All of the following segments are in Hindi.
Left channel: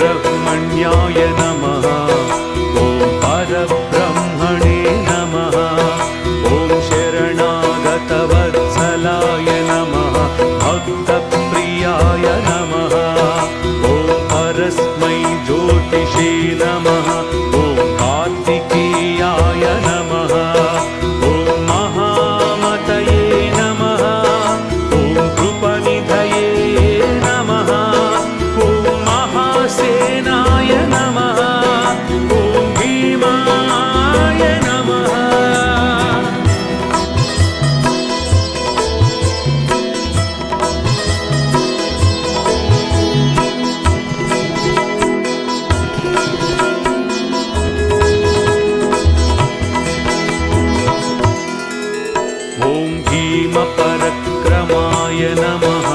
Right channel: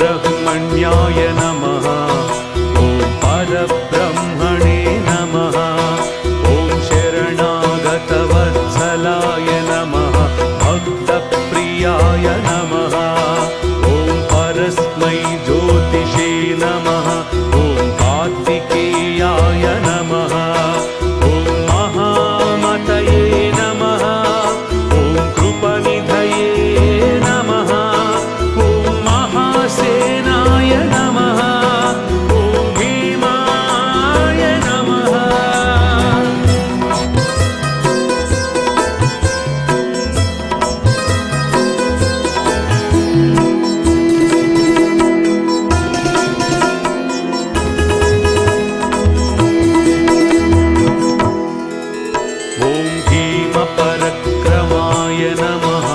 सुब्रह्मण्याय नमः। ॐ परब्रह्मणे नमः। ॐ शरणागतवत्सलाय नमः। भक्तप्रियाय नमः। ॐ परस्मै ज्योतिषे नमः। ॐ कार्तिकेयाय नमः। ॐ महामतये नमः। ॐ कृपनिधये नमः। ॐ महासेनाय नमः। ॐ भीमाय नमः। ॐ भीमपरक्रमाय नमः।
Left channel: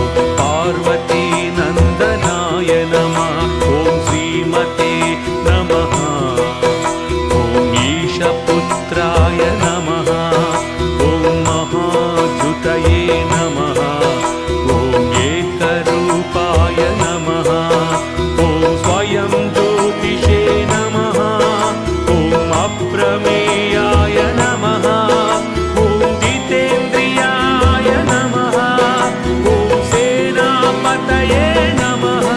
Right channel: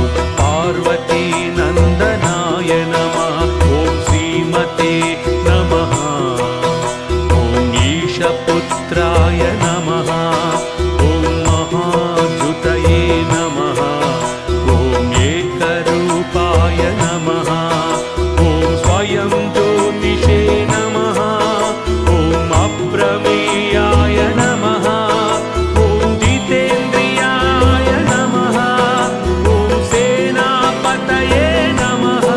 ॐ पार्वतीनन्दनाय नमः। ॐ श्रीमते नमः। ॐ ईशपुत्राय नमः। ॐ महाद्युतये नमः। ॐ एकरूपाय नमः। ॐ स्वयं ज्योतिषे नमः। ॐ अप्रमेयाय नमः। ॐ जितेन्द्रियाय नमः। ॐ सेनापतये नमः।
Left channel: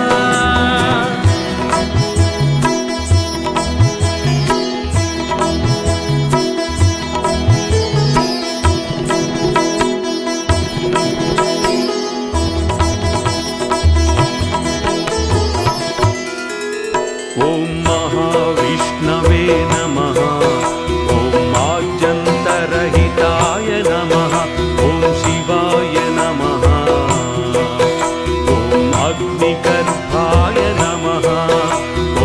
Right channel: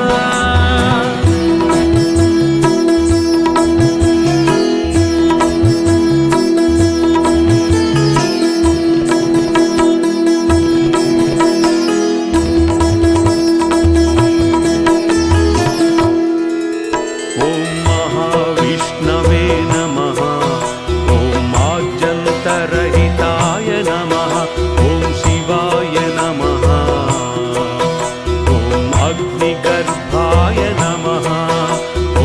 ॐ महाविष्णवे नमः। ॐ आद्यन्तरहिताय नमः। ॐ शिवाय नमः। ॐ अग्निगर्भाय नमः।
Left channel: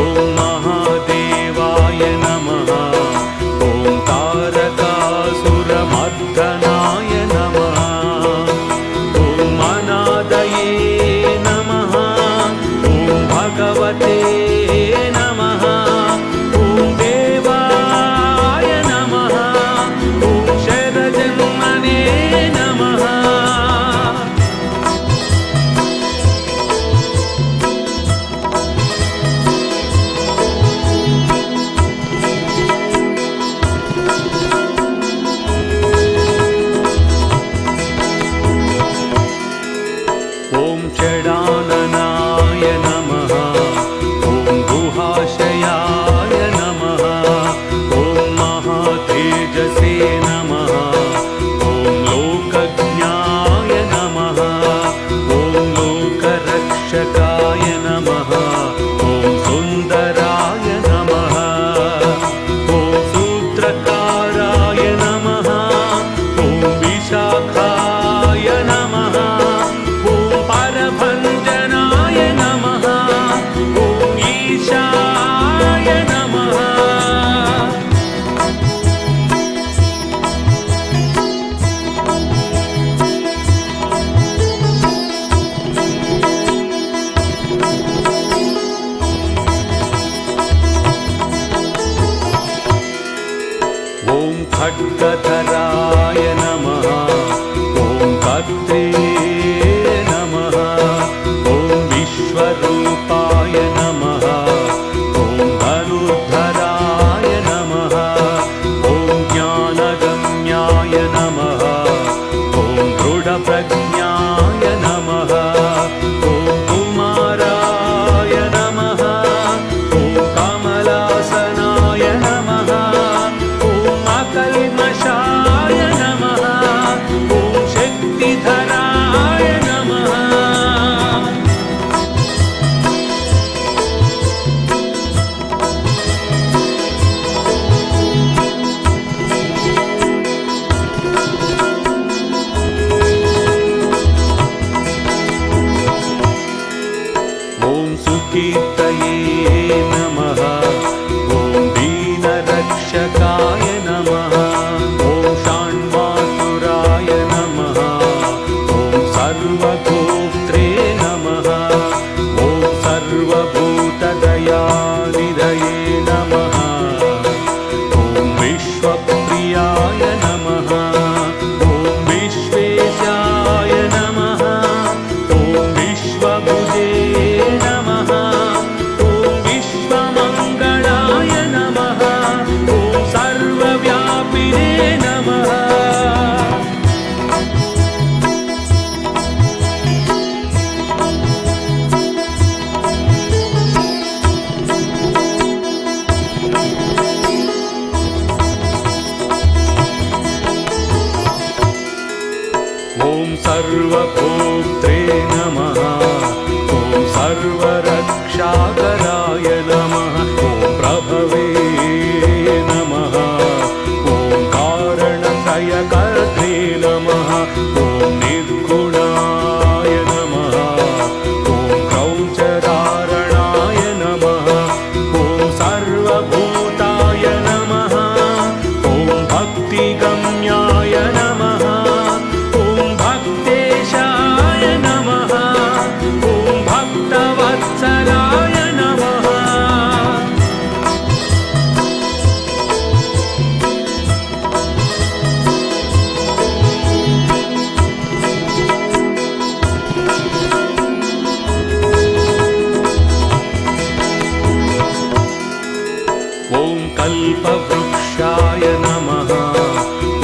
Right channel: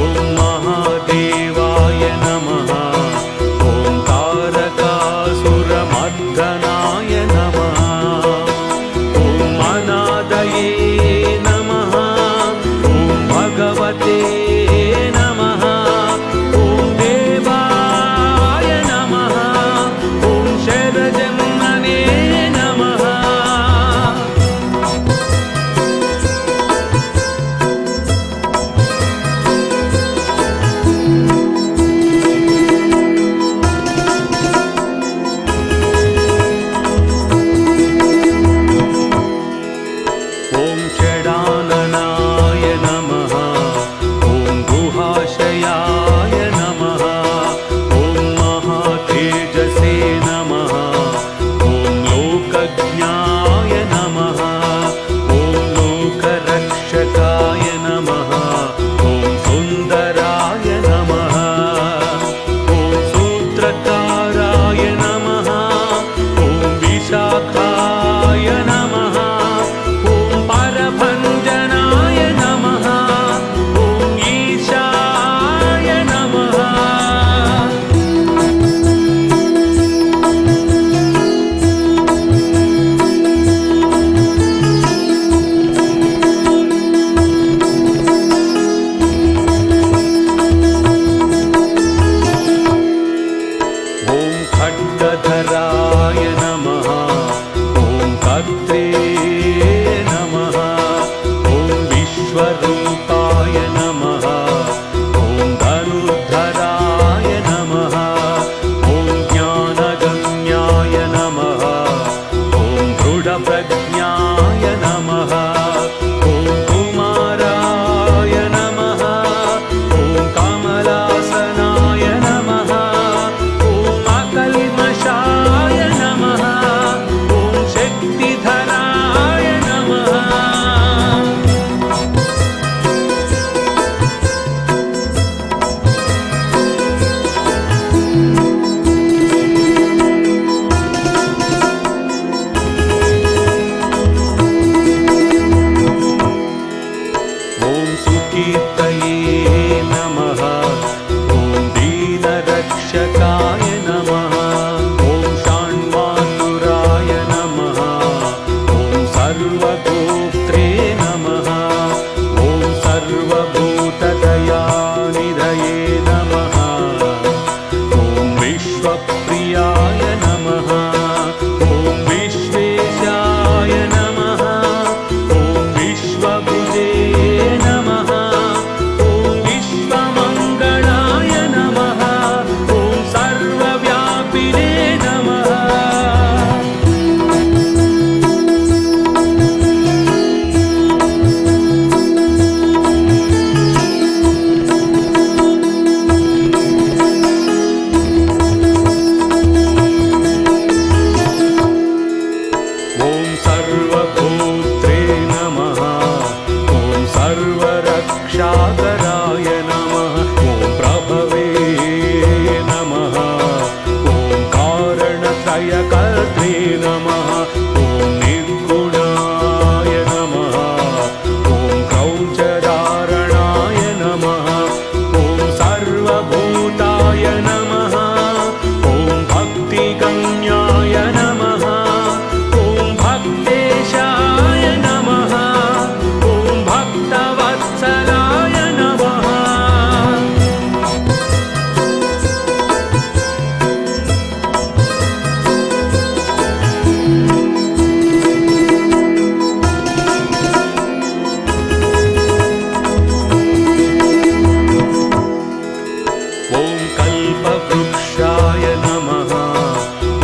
ॐ महादेवाय नमः। ॐ तारकासुरमर्दनाय नमः। ॐ अनादये नमः। ॐ भगवते नमः। ॐ देवाय नमः। ॐ शरजन्मने नमः। ॐ षडाननाय नमः। ॐ गुहाशयाय नमः। ॐ महातेजसे नमः। ॐ लोकज्ञाय नमः। ॐ लोकरक्षकाय नमः। ॐ सुन्दराय नमः। ॐ सूत्रकाराय नमः। ॐ विशाखाय नमः। ॐ परभञ्जनाय नमः। ॐ ईशाय नमः। ॐ खड्गधराय नमः। ॐ कर्त्रे नमः। ॐ विश्वरूपाय नमः। ॐ धनुर्धराय नमः। ॐ ज्ञानगम्याय नमः। ॐ दृढप्रज्ञाय नमः। ॐ कुमाराय नमः। ॐ कमलासनाय नमः। ॐ अकल्मषाय नमः। ॐ शक्तिधराय नमः। ॐ सुकीर्तये नमः। ॐ दीनरक्षकाय नमः। ॐ षण्मातुराय नमः। ॐ सर्वगोत्रे नमः। ॐ सर्वभूतदयानिधये नमः। ॐ विश्वप्रियाय नमः। ॐ विश्वेशाय नमः। ॐ विश्वभुजे नमः। ॐ क्षीरसागराय नमः ॐ प्रभवे नमः ॐ कारणत्रयकर्त्रे नमः ॐ निर्गुणाय नमः ॐ क्रौञ्चधारणाय नमः ॐ सर्वभूताय नमः ॐ भक्तिगम्याय नमः ॐ भक्तेशाय नमः ॐ भक्तवत्सलाय नमः ॐ कल्पवृक्षाय नमः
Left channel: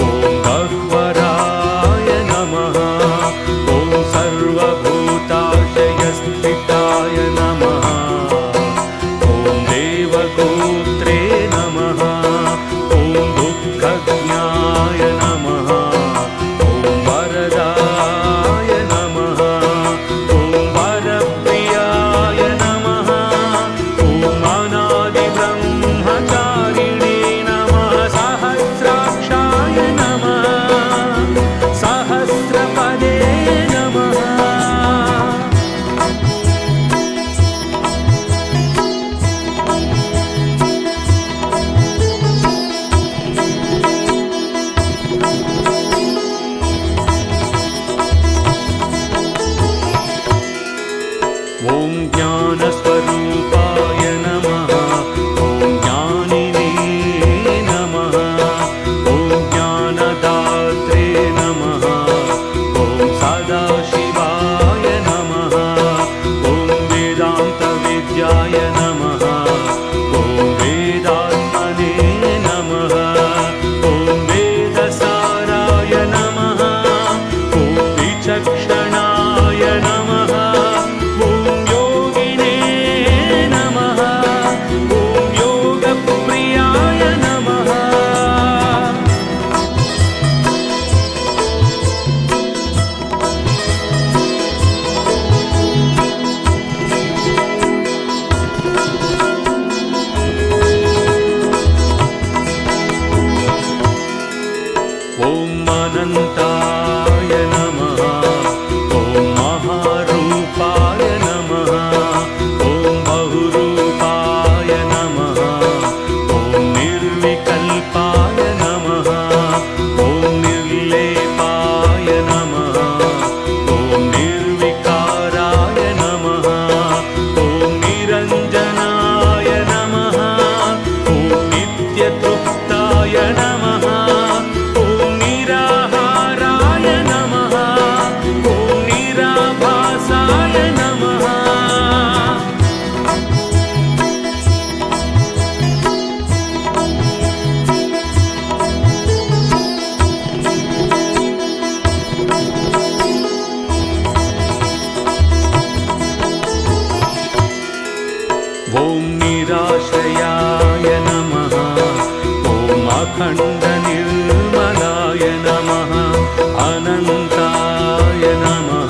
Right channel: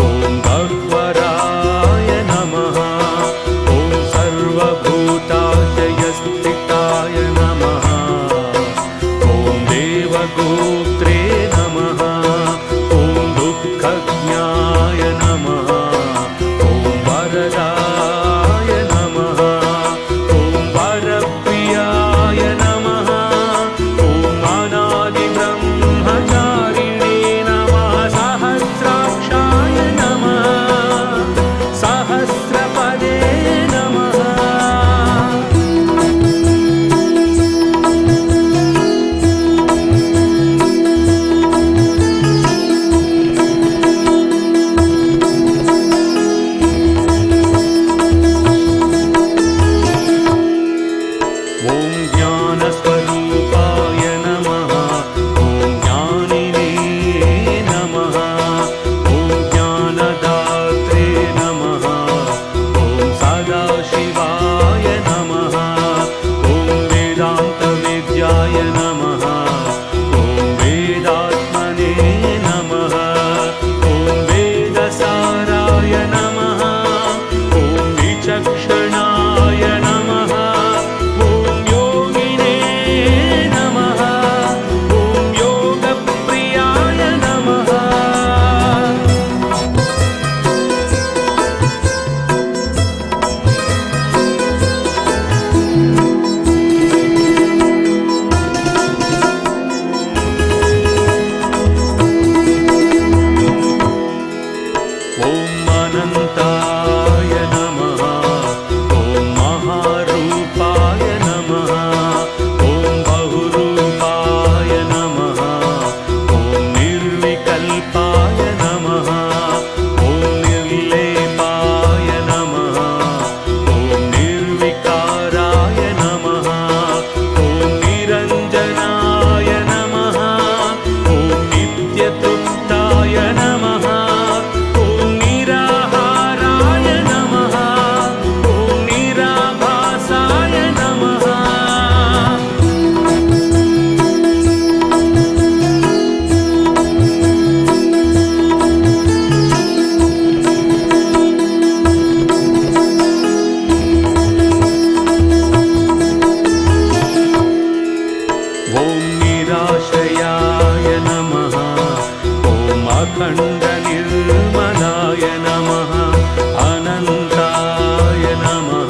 ॐ गह्वराय नमः ॐ सर्वभूताशयस्थिताय नमः ॐ देवगोत्रे नमः ॐ दुःखज्ञाय नमः ॐ वरदाय नमः ॐ वरप्रियाय नमः ॐ अनादिब्रह्मचारिणे नमः सहस्राक्षाय नमः सहस्रपदे नमः ॐ ज्ञानस्वरूपाय नमः ॐ ज्ञानिने नमः ॐ ज्ञानदात्रे नमः ॐ सदाशिवाय नमः ॐ वेदान्तविद्याय नमः ॐ वेदात्मने नमः ॐ वेदसाराय नमः ॐ विचक्षणाय नमः ॐ योगिने नमः ॐ योगप्रियाय नमः ॐ अनन्ताय नमः ॐ महारूपाय नमः ॐ बहुरूपाय नमः ॐ निर्विकल्पाय नमः ॐ निर्लेपाय नमः ॐ निर्विकाराय नमः ॐ निरञ्जनाय नमः ॐ नित्यतृप्ताय नमः ॐ निराहाराय नमः ॐ निराभासाय नमः ॐ निराश्रयाय नमः ॐ अखण्डनिर्मलाय नमः अनन्ताय नमः